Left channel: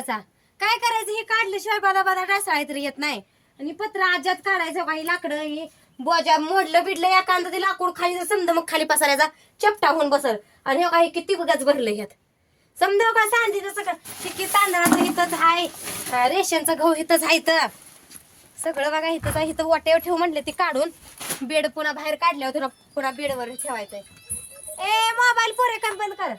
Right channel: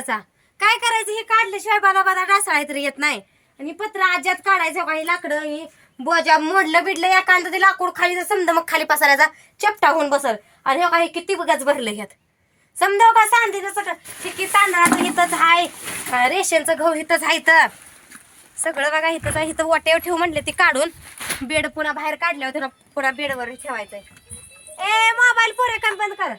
पत्राचा काय करायचं? हे काढल्याशिवाय बादा बादा डासाळा तरी येत नाही. आणि पत्र आज्यात काढायचं काही लाकडं हे बोजा मोडलं बिडलं एखादं ते लाकूड खाली जर समजा मग खाली पसरायचा चपटा होऊन बसल. आणि हे काही किती बघाच भरलं ह्यात समजा का सांगते सगळं. चिकी तांदळाचं इथंच आहे रेशनचं गहू इथंच आहे इथं. सगळं बघा इथंच आहे इथं वाट्यावर ठेव म्हणलं ते काढून. बेड पुन्हा बाहेर काढल्यावर तुला पुन्हा बेडवर ठेवायचंय. ए मोबाईल पोरे कर बंद कर.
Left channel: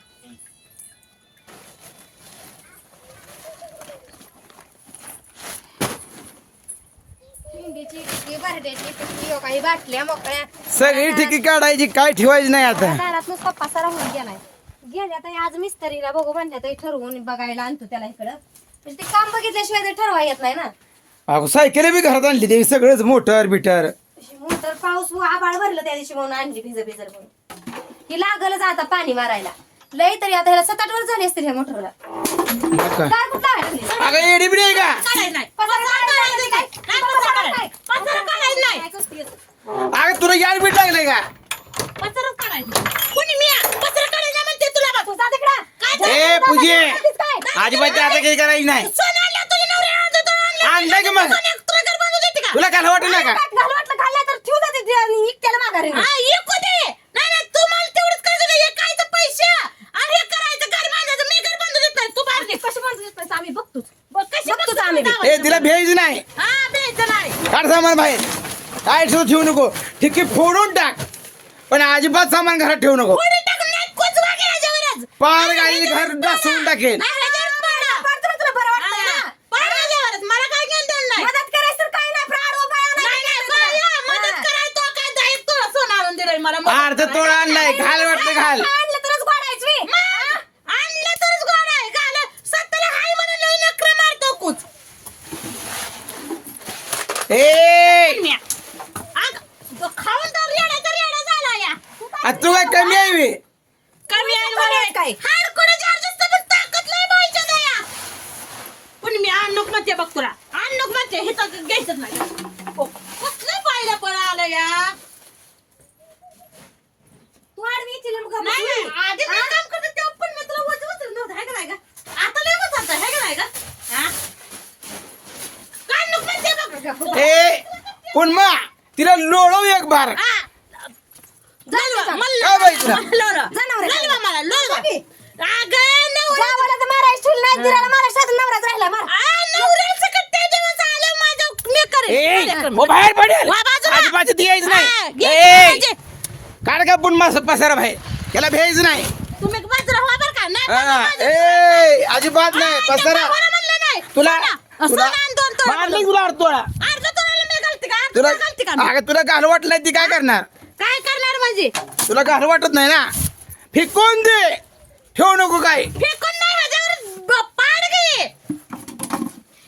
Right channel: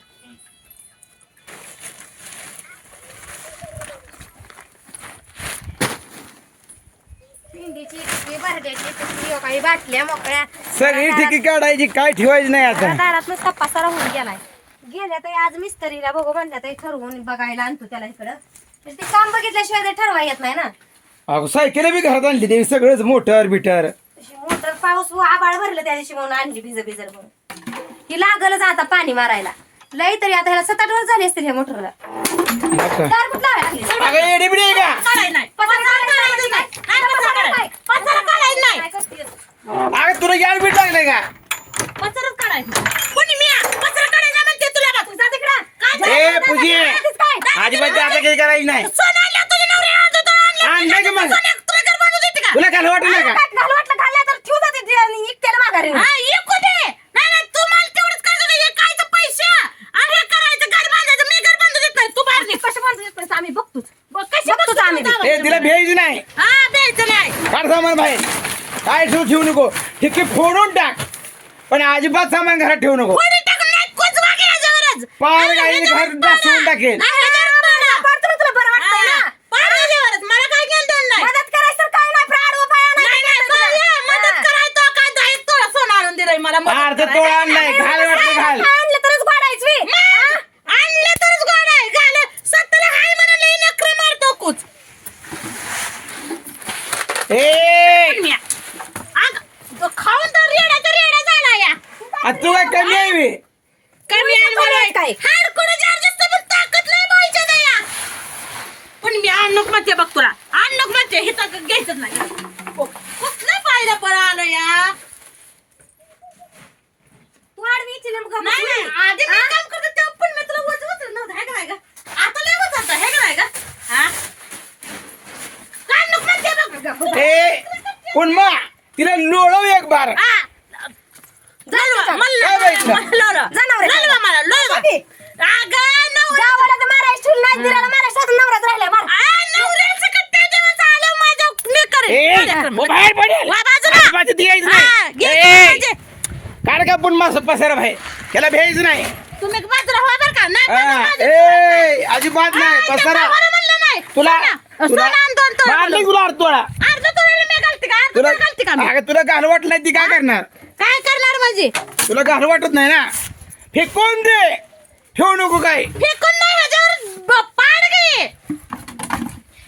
टिक्की, बरड्याची टिक्की, काही बाटल्या मोकळ्या. सगळी ठिकी काढायची काय ठेवायची नाही आता? दारात नुसता पसारा होऊन गेलाय. गेल्या तर आज मिस्त्रीला बघू म्हणल्या तर ठरवून बघायला आणतो त्याला इकडं. तर ते काम बघितल्याशिवाय ते ठरवा येत नाही ना. अगो सायकल बी घरात आणली ते सगळंच मोटर बिटर. मोटर पाऊस आबाळ भरलं त्या दिवशी म्हणून आणली भिज भिजर म्हणून. ही लागलच आता पाणी मारायला. लय तरी आता ह्याला सात आठ वर्ष झाली असतील ह्या मोटरला? अगं येडी बिडी आहे का. पसारा? काढायला. नाही. अगं तुला याड बीट लागले का पसाराच काढायचं. कोणी मी? पसारा काढायला म्हणते तुला बा. तू जा तिकडं. काय ए? पूजे? अजिबात आता काही करायची नाही सोनं आणलं तुझ्या नवऱ्याने आणलं तर आणलं. आणलंय का मग तुला घर बांधून देते का? तुला काय वाटत नाही का घालू वाटलं खाल्लं तर ठेवू जाते ते आणि इकट्याला माघारी हा, एक होते. नाही, नाही, तू मला तेवढंच करायचं होतं. हे खायचं पैसे. आणि हे करायचं, घर बांधायचं. मी घर बांधून देत नाही. तू बांध दे. कसे बांधून येत नाही आम्ही बघतोच बघ, कशी बघतोच बघतो आम्ही. तू ए तिला. भेज नाही हा. काढ सामान बाहेर. काय ठेवू ठेवू नको. ठिकी फोडून टाक. पण अजिबात सामान घरात ठेवू नको. पार ह्याच्यावर घर. डासून टाकेल. नाही, ह्याच्यावर पाडा. पाडतो ना तुला बरं वाटतंय हा, ना पाडा ह्याच्यावरच. मला काय घेणं देणं नाही. मदत करायचं तर काय नाही पण आडवं पाय आणायचं नाही, नाही, नाही बरं, तुला. ये, मदत हा. करायचं तो काय दहा एक तोळा सोनं आणून दिलंय मला मदत अर्ध करायला. तोळा आणलाय घाल वाटतं घाल आणलं तरच गोडायच वी. मग, आणलं तरच गोड आहे घाल सत्तरला हाय म्हणून लई नखरे मारतो कुच ए! खाऊन तर रेड्याचा रेडा झाला या. आ, तू काय कमी आहे बे? कमी आहे. काय? हाडकुडं चार्ज असतं पण ताकद नाही बाईच्या दया. पण मी आणूक म्हणते बघ तुला. आणूक म्हणते. हे तर घ्यायचंच नाही. ओ, कसलं पाहिलं पण आलं या? तू आडवी मग नाही. आधी मी हा? काम करते तेव्हा पण मी तुला उचलत नव्हतं है का नाही का आता लय का नाही का हा काय नको म्हणते बघ ए पण मा तिला लोळव एक बार हा. काय बाई तुला? मला ललवा. जनावरं आहे. ललवा मला, ललवा. बाकी? अगं, नवरा- गावाला तर मारायचं ठेवलं नाही दिराला मारायचं साधून नवराच राहिला मार आ, नवऱ्याचं कट्टे दिवस आलं माझ्या मी करेन. ए. ओ बाहेर पडेल नाही ए. काढ का पण मास पसारा बाहेर त्याला भेज नाही तुम्ही बाजूला व्हा बरं का नाही हा, बाजूला. ए अजिबात नाही पसारा. तुला तुला. मारली तुला अर्ध तुला? अगं तुला घाल वाटत नाही ती काय करणार? काय करणार माझी? तुला घाल वाटत नाही ना? फेकून दे. ठेवू नको काय फेकून नाही ह्याच्यावर ब- पाड घे.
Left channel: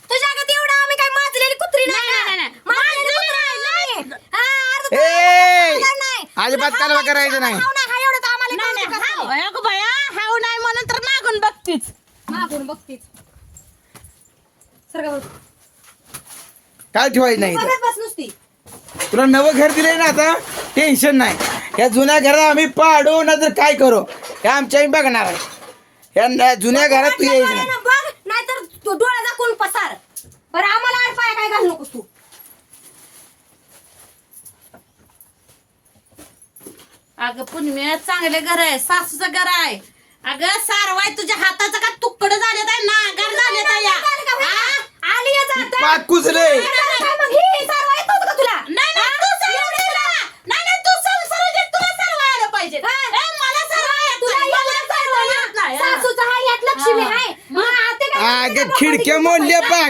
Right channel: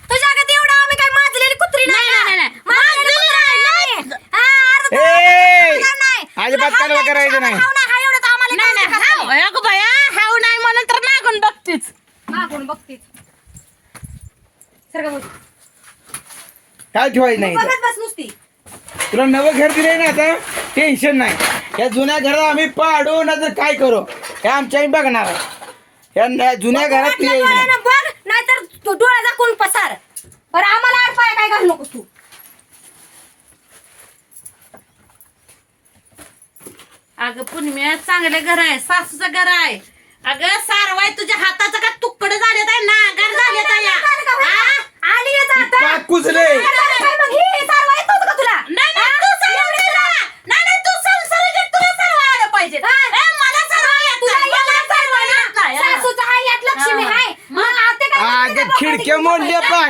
तुझ्या अगं तेवढं आम्ही काय माजलेली कुत्री नाही नाही, ना. नाही, नाही. माजलेली कुत्री माजलेली नाही. हा, अर्ध ए! तुला नाही. अजिबात कालवा करायचं नाही हाव नाही, हा एवढं तर आम्हाला नाही नाही कळतं हाव, कसं. अगं बाया हाव नाही म्हणून तर मागून बघतीच मागून बघतीच बघ. काय ठेवायचं नाही इथं. बघत बस नुसती. तुला नवं घर दिलंय ना आता? टेन्शन नाही. या जुन्या घरात आम्ही पाडू ना तर काय करू? हे आमच्या आम्ही बघणार आहे. या न- जुन्या घरात तू वाटलं यायचं नाही डोळ्यानं बघ नाहीतर तू डोळा दाखवून पसार. बरं आम्हाला आड पाय काय घालू नकोस तू. अगं पुण्य चांगले घर आहे सासूचं घर आहे. अगं सारवाय तुझ्या हाताचं का तुकडं झाले काय ना? घर झाले काय या. हा? आली आहे आता. पाक कुजले काय मग हे सारवा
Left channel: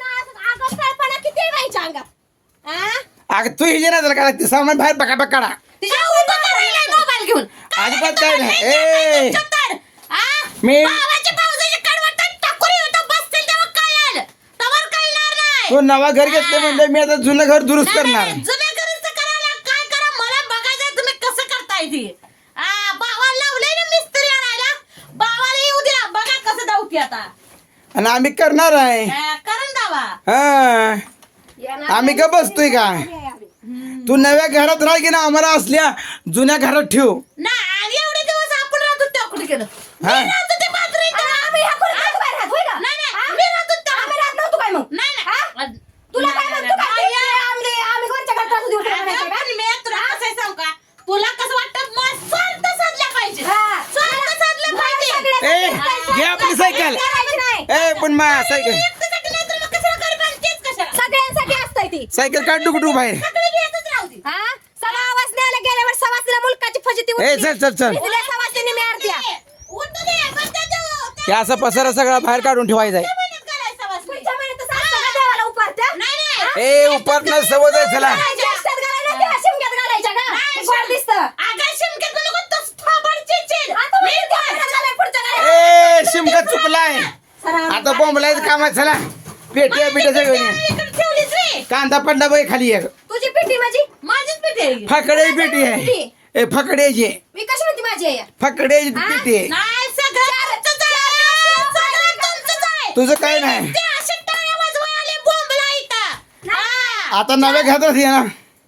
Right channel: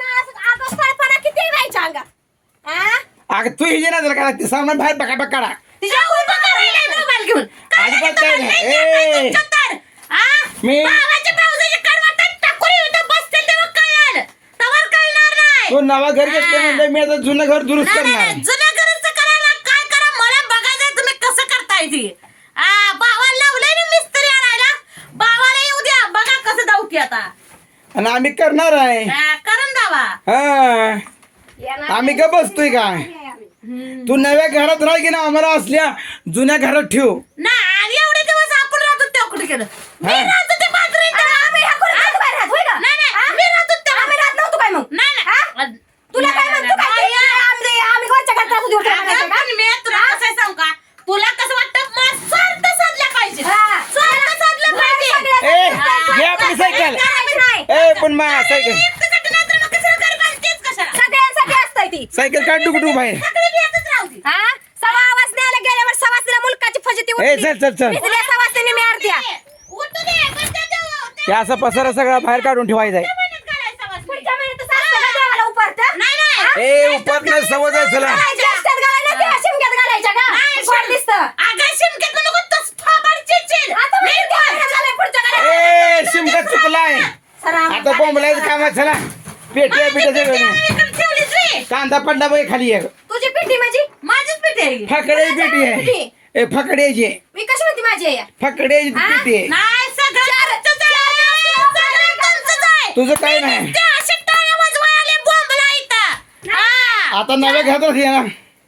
अगं तू हिजे नादाला काढा ते सामान बाहेर बघा बघ काढा तिच्या उभं करायला मोबाईल घेऊन. अजिबात काय नाही. ए! चत्तर. हा? मी भावाच्या भावजाच्या कडवटात टाकून इथं बसतील तेव्हा कळेल. तवर कळणार नाही. तू नवा घर घेतलं म्हणलं मी आता जुनं घर दुरुस्त नाही, करणार. नाही, जुनं घराचं करायला काय करा? मला बघायचं तुम्ही कसं करताय ती. आ, भावाला लावलंय ना मिस्त्री आणायला. भावाला येऊ द्या. बघा कसं धावती आता. आणि आम्ही करणार आहे. आ, करून दावा हा. येणार आम्ही का बसतोय का? तू नव्या घरात राह की ना आम्हाला असल्या जुन्या घरात ठेव. ना आणि एवढे दिवस आपण राहतो त्या कुठे गेलं? मी हा. राहतो त्या बाजरीत. आम्ही ह्या खोलीत नव्हतो बाहेर राहत, होय का? नाही, नाही, हा? मी राहतो त्या- आम्ही राहत नव्हतो काय मग? नाही हा? नाही तुला काय नाही, म्हणतो काय? नाही, ते? आम्ही आम्ही वरच्या घरात राहत? होतो, वरच्या घरात अगं, राहायचं का? पण मी तुला कसं आहे सांगू का? तुला कसं वाटतं? मग स्वार्थ साधला पाहिजे. हा. स्वार्थ साधला पाहिजे. सगळ्या- ए घे आपली सायकल. नाही. ए पण मा सायकल. एकट्यासाठी नाही तर मग कशाला गरिबाला तेच कशाला? सगळ्यांसाठी असतंय ती. सायकल काढ डुकू बाहेर. ए चल चल चल. हे असा पसारा सगळा बाहेर काढून ठेवायचा आहे? ए उपरनं सवय आहे चला. ए शिमका चुकलाय. आता बोंबलायचं काम आहे चला पेट्या पिट्या सगळं. कांदा पडला बाई खाली एक. तुझी पिठी माझी? माझीच पेटी आहे. ही. फकडे पेटी आहे. ए फकड्याची. मी कशी म्हणते माझी हा? नाही, सगळं. सगळं तुमचंच आहे. तुझं काय नाही त्या अशा टाळ्या वाजवायला बोंबला इथं. हा. आता नव्या घरात ये ना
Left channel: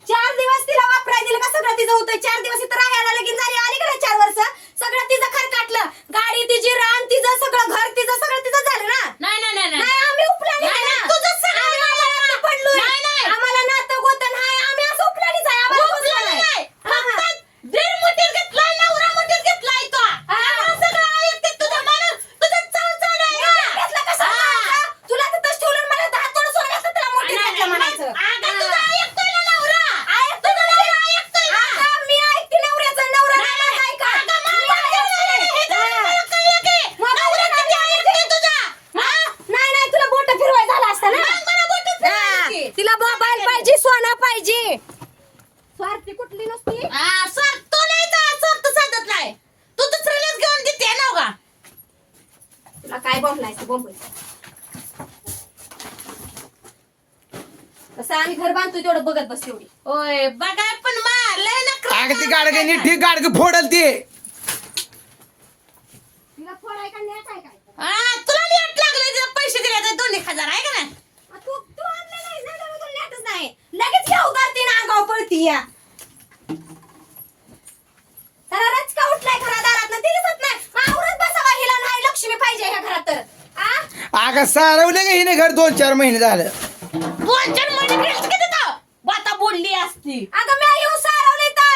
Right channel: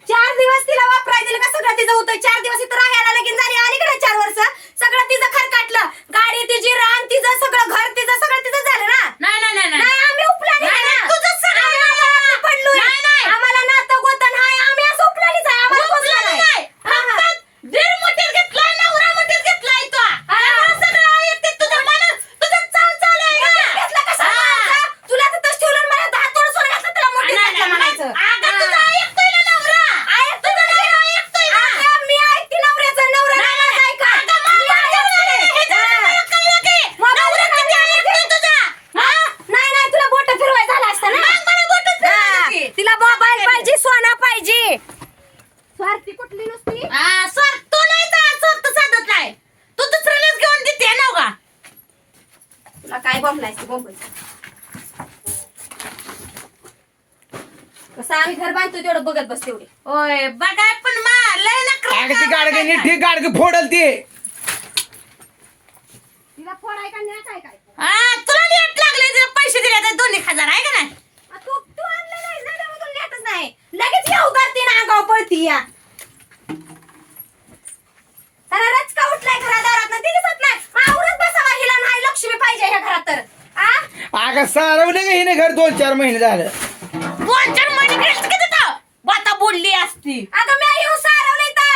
चार दिवस तिला वापरायला दिलं का सगळं तिचं होतं चार दिवस इथं राहायला लगीन झाली आली का नाही चार वर्ष सगळं तिचं खर काटलं गाडी तिची रान तिचं सगळं घर तिचं सगळं तिचं झालं ना नाही, नाही, नाही, नाही. नाही आम्ही उपलानी नाही, आहे नाही, ना. तुझं सगळं आम्ही आम्हाला पडलोय नाही, नाही. आम्हाला नातं गोतन हाय आम्ही असं उपलानीच आहे आम्हाला उपला पोचलं नाही. नाही. हा, हा. फक्त दीड मुठीत घेतलाय, नवरा मुठीत घेतलाय तो. त्यामुळे सगळं ऐकते तुझं मन, तुझं चाल चाल आहे नाही, का? घेतलं कसं हा. म्हणायचं? तुला तिथंच ठेवलं आणि मला दहा तोडं सोनं घातलं, तुला मोठी नाही, घातलं नाही, म्हणायचं. अगं, तुझं हा. ऐकतोय ना नवरा. ऐकतोय तुझं ना. सगळं ऐकतोय ना. अगं, मी ऐकते नवऱ्याचं, नवरा नाही, नाही नाही. ऐका. अगं, मला मी कळलं ऐकते. हे जरा हा. मला कळलं की. मग नवरा मला किती काय ऐकतोय तुझा? हा? नाही नाही तुला बोट फिरवाय झालं असतं ना मग मला बोटं फिरवायला हा. की. तिला मोबाईल पाहिजे सोना पाहिजे. स्वार्थी कुठली नसती? हा, स्वार्थ तो नाही तर स्वार्थ साधत नाही. तू दुसऱ्यालाच घेऊन देते ना उगा. तुला काय बोंबलायचं बोंबल? कसं आम्ही घर बांधतो तेवढं बघत बस तेवढी. होय बघाय पण मा लय नखरे अगं ती गाडगे नीट ठीक गाडगे फोडल ती. तिला फोडाय का नाही काय काय? हा, तुला लेट लागले जर पैसे दिले तर दोन एक हजार आहे का नाही आ, तू तू आणलं नाही ना तेव्हा तुला नेटच नाही. लगेच उतारते ना अंगाव पळती या. त्याला रचका उठलाय घरादारात ना ते दिसत नाही. आवरत बसावा हिला नाही लक्ष्मी पाहिजे ह्या घरात तर. आ? अगं सारवलं का हिने घर दोन चार महिने झालं? दोन चार महिने बाता बोलली असती. अगं मी येऊन सारवलंय तर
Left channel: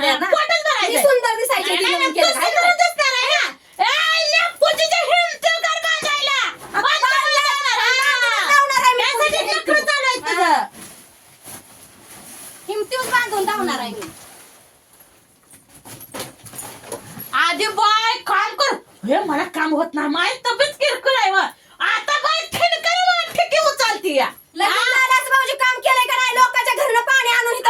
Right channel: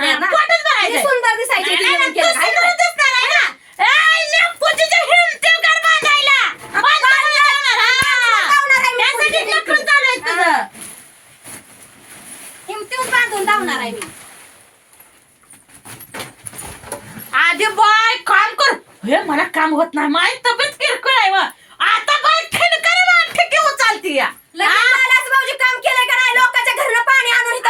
केलं ना पोटच भरायचं. मी सुंदर दिसायचे बाय काम कर. हे मला काम होत नाही. माझी तब्येत किरकोळ आहे आता बाय खिडकर ठिकी उचलती या. लगेच काम केलंय का नाही? लोकांच्या घरनं पाणी आणून इथं